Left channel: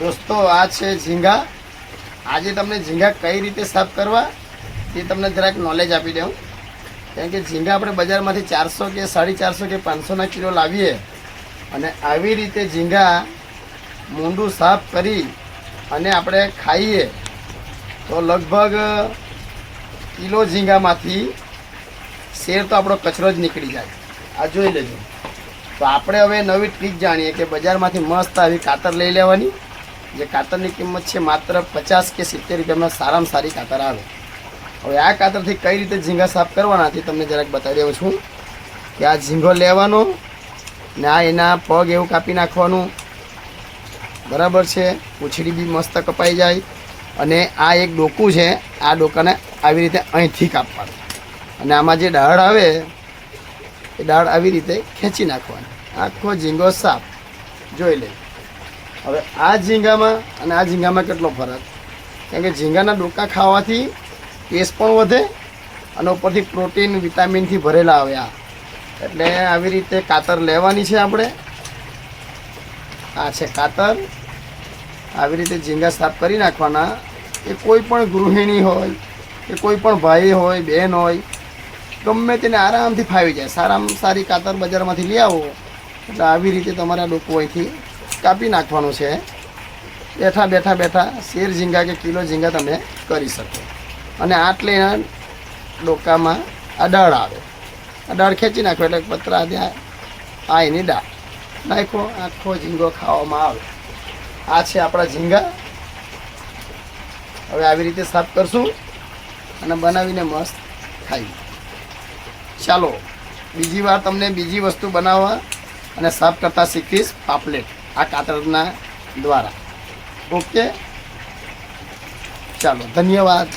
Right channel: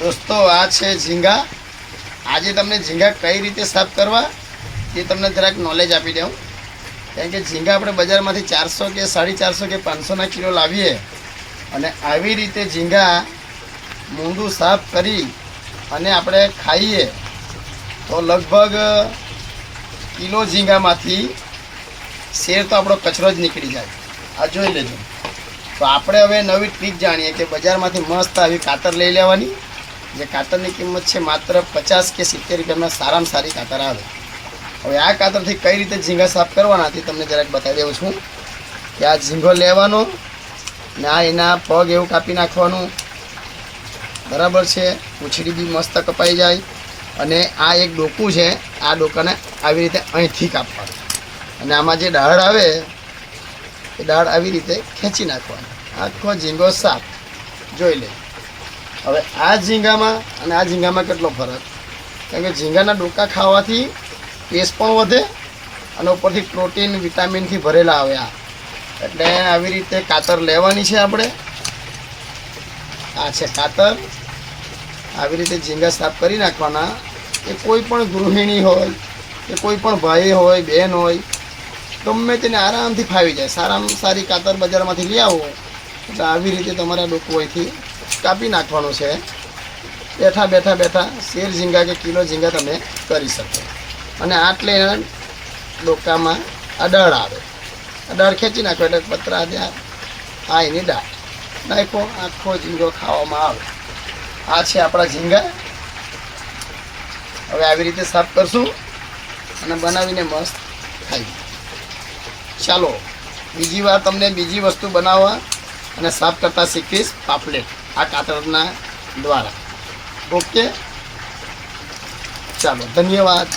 દોસ્તો આ છે ઝીંગા। આજે તમને ઝીંગા કઈ રીતે સાફ કરવા એ તમને જરાક નોલેજ આપી દઉં। કારણ કે ઝીંગા આપણે બજારમાંથી 400 કે 450 કે 500ના કિલો લાવીએ અને આવી રીતે ઝીંગા મૂંડું સાફ કરી અને આપણે ખાઈએ તો લગભગ કિલો ઝીંગામાંથી શેર તો આપણો કચરો જ નીકળી જાય। આ જોઈ લેજો। તો આપણે હવે નવી ટ્રીક જાણીએ કે બજારમાંથી મસ્ત આવી કાતર લઈ લેવાની, જે કાતરની કિંમત છે માત્ર 50 કે 70 રૂપિયામાં સારામાં સારી કાતર આવે। હવે આ કાતરથી કઈ રીતે ઝીંગા સાફ કરવાના તે તમને જરાક બતાવી દઉં છું કે આ ઝીંગો લેવાનો ને આ એના પગ એવું કાપી નાખવાનું, બરાબર છે। પૂંછડી બી મસ્ત કપાઈ જાય અને આ એક ડોકું છે, આ ડોકાને આવી રીતે અહીંથી કાપવાનું અને આમાં જે દાળ આવે એ દાળ આવી રીતે ખેંચી નાખવાનું। આખો ઝીંગો સાફ જોઈ લે। હવે આ ઝીંગામાં અને આ ઝીંગામાં કેટલો ફરક, કારણ કે ઝીંગાના ડોકા ખાવાથી ટેસ્ટ પણ વધે અને ઉપરથી પ્રોટીન વિટામિનથી ભરેલા આવે આ। એટલે આવી રીતે કાતર લેવાની છે આપણે। આ છે કાતર। આવી રીતે ઝીંગા સાફ કરી નાખવાના। એ કોઈ પણ ગૃહિણી હોય કે કોઈ પણ ભાઈ હોય બહેન હોય ગમે તેને આરામથી ફાવી જાય। સારામાં સારી કાતર બજારમાંથી લઈ આવો એટલે આવી રીતે તમારા ડોકું અહીંથી કાપી નાખવાનું છે। બેઠા બેઠા બેઠા શેર ઝીંગા કે કિલો ઝીંગા તમે કરી શકો। અને આટલે ડોકામાં આ દાળ આવે, આ દાળ ખેંચી નાખો એટલે પતરા ત્યાં આ એની દાળ નાખો, આખો ઝીંગો ખાવામાં આવે। આ છે આપણા ઝીંગા। હવે આવી રીતે સાફ કરશું અને બનાવીને મસ્ત ખાઈ। ચાલો બીજી વાર તમને બીજી વસ્તુ બનાવવા અને સાફ કરતા શીખીશ, પાપલેટ આ કાતરના દ્વારા। ઓકે, ચાલો, ધન્યવાદ।